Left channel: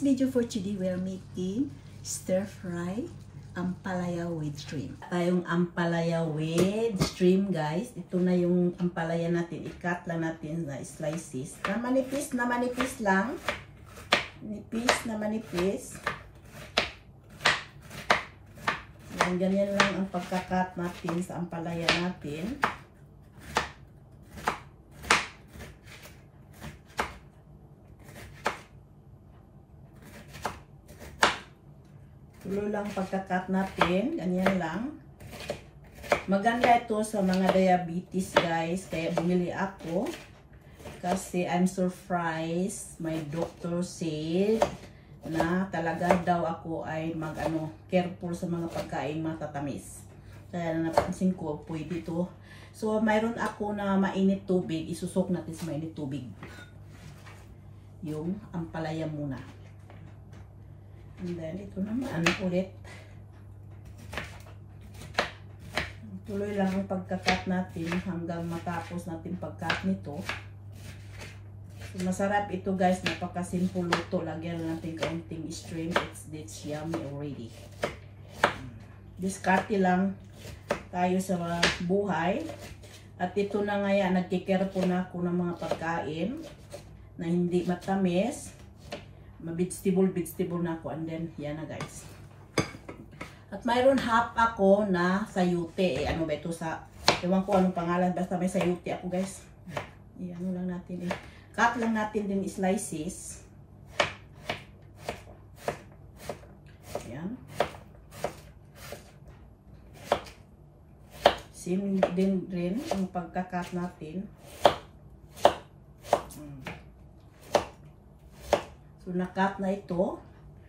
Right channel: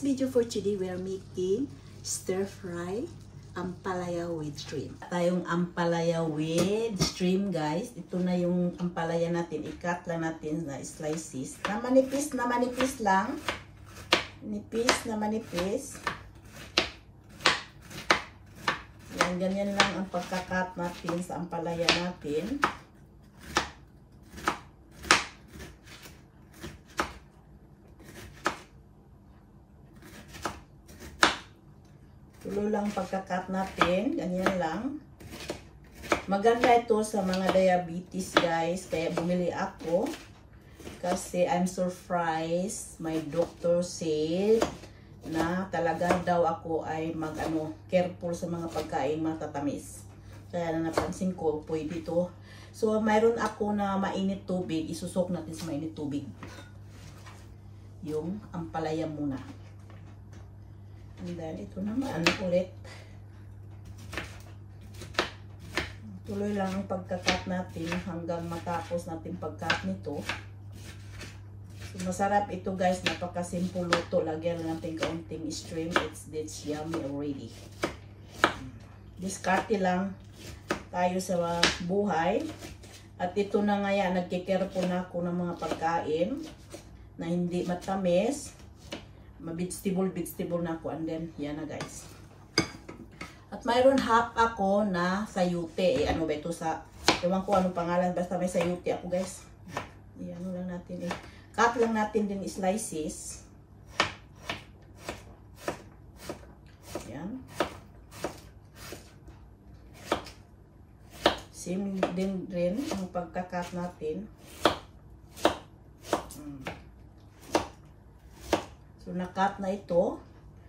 this video for today, we are making stir-fry ampalaya with shrimp. Tayong ampalaya with shrimp, guys. Ito na yung ampalaya natin. I-cut lang natin na slices. Na manipis lang. Nipis na manipis. Yan, ganyan lang ang pagka-cut natin sa ampalaya natin. Tuloy lang pagka-cut natin. Ganyan lang. Maganda ito sa mga diabetes, guys. Kaya bumili ako. Kasi I'm surprised. My doctor said na talaga daw ako ay careful sa mga pagkain matatamis. Kaya napansin ko, pwede ito. So, mayroon ako na mainit tubig. Isusok natin sa mainit tubig. Yung ampalaya muna. And then, ito naman ulit. Tuloy lang ang pagka-cut natin hanggang matapos natin pag-cut nito. So, masarap ito, guys. Napaka-simple luto. Lagyan natin kaunting shrimp. It's yummy already. Diskarte lang tayo sa buhay. At ito na nga yan. Nagkikare na ako ng mga pagkain na hindi matamis. Vegetable na ako, and then yan na, guys. At mayroon half ako na sayute. Ano ba ito sa, ewan ko anong pangalan, basta may sayute ako, guys. Ano lang natin cut lang natin din slices. Yan. Same din rin ang pagka-cut natin. So, na-cut na ito.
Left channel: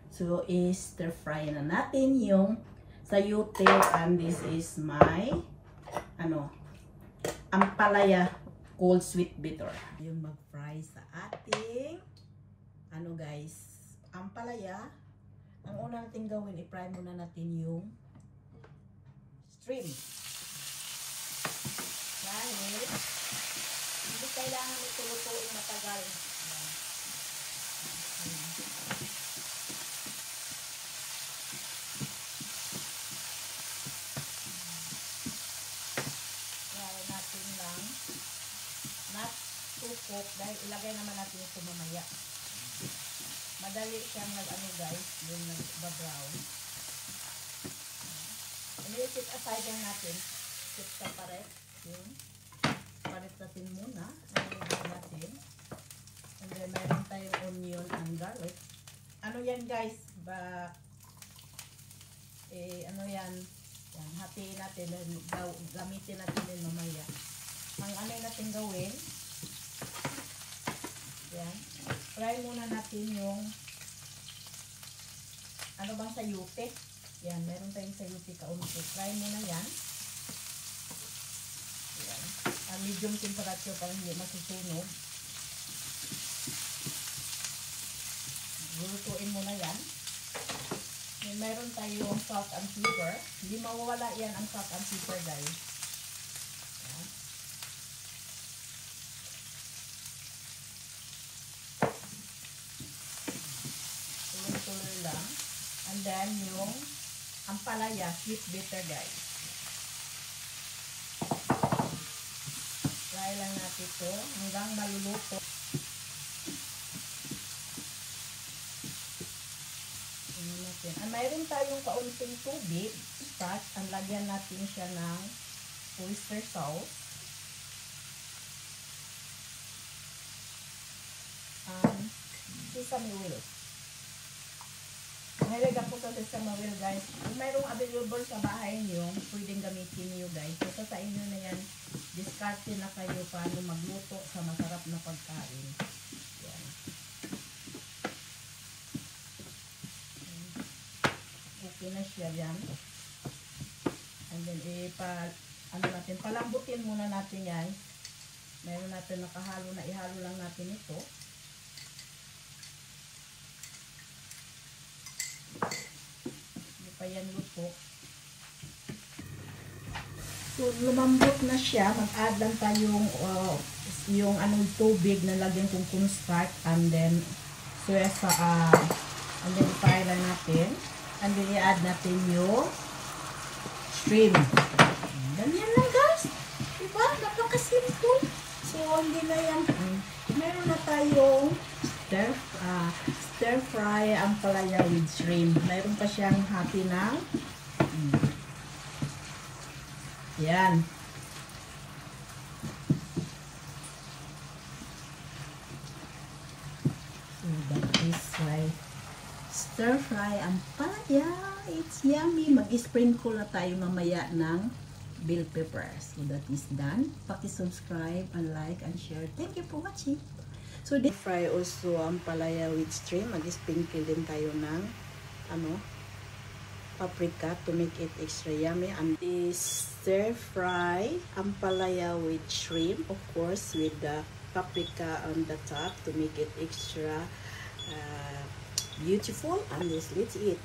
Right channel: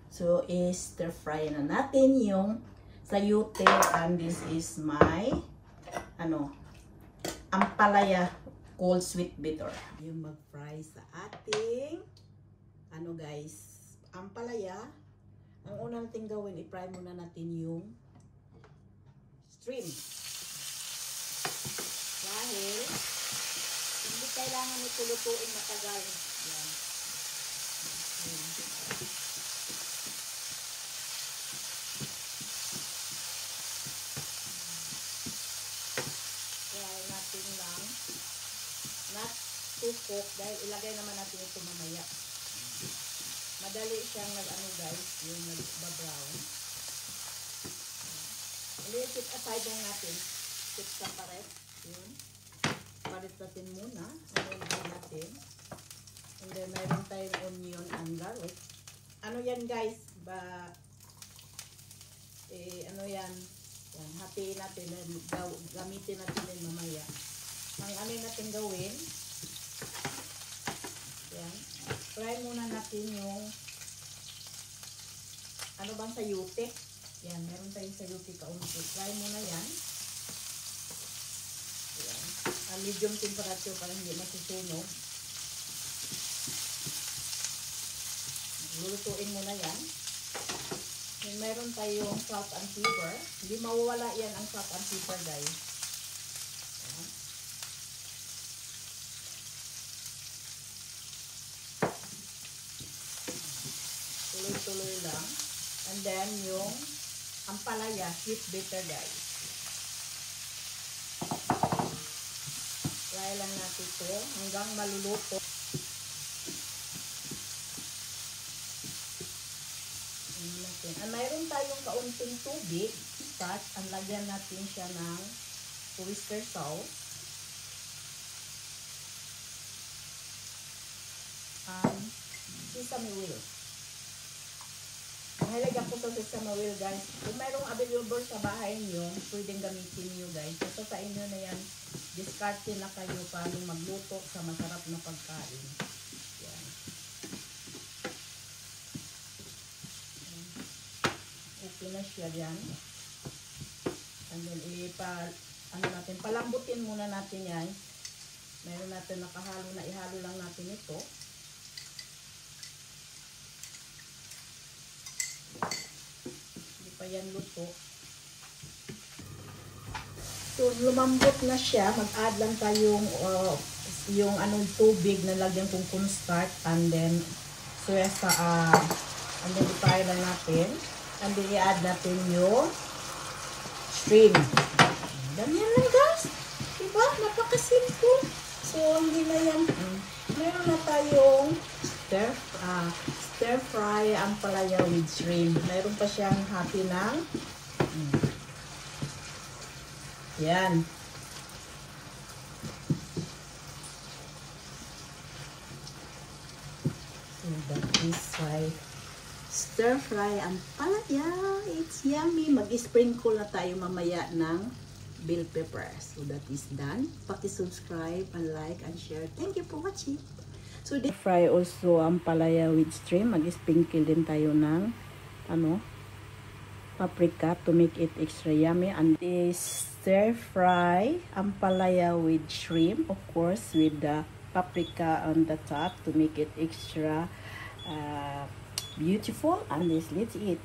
So, stir-fry na natin yung sayute. And this is my, ampalaya cold sweet bitter. Yung mag-fry sa ating, guys, ampalaya. Ang una natin gawin, i-fry muna natin yung shrimp. Dahil, hindi kailangan ito lutuin matagal. Yan. Dahil ilagay naman natin ito mamaya. Madali siyang guys, yung nag-brown. I-keep aside lang natin. Keep separate. Yun. Palit natin muna. Natin. And then meron tayong onion and garlic. Ano yan, guys? Yan. Hatiin natin. Gamitin natin din mamaya. Ano natin gawin? Yan. Fry muna natin yung bang sayute. Yan. Meron tayong sayute kaunti. Fry muna yan. Yan. Medium temperature para hindi masusunog. Lulutuin muna yan. Meron tayong salt and pepper. Hindi mawawala yan ang salt and pepper, guys. Yan. Tuloy lang. And then yung ampalaya, sweet bitter, guys. Fry lang natin ito hanggang maluluto. And mayroon tayong kaunting tubig. Start, and lagyan natin siya ng oyster sauce. Sesame oil. Mahilig ako sa sesame oil, guys. Kung mayroong available sa bahay niyo, pwedeng gamitin niyo, guys. Ito sa inyo na yan, diskarte na kayo paano magluto sa masarap na pagkain. Yan. Okay na siya yan. And then, palambutin muna natin yan. Mayroon natin nakahalo na, ihalo lang natin ito. Yan luto. So, lumambot na siya. Mag-add lang tayong yung tubig na lagyan kong cornstarch and then And then fry lang natin. And then i-add natin yung shrimp. Ganyan lang guys. Diba? Napakasimple. So, hindi na yan. Meron na tayong stir fry ang palaya with shrimp. Mayroon pa siyang hati ng yan. That is why stir fry ang palaya. It's yummy. Mag-sprinkle na tayo mamaya ng bell pepper. So that is done. Paki-subscribe and like and share. Thank you for watching. So this fry also ang palaya with shrimp. Mag-sprinkle din tayo ng paprika to make it extra yummy. And this stir fry ang palaya with shrimp, of course, with the paprika on the top to make it extra beautiful. And let's eat.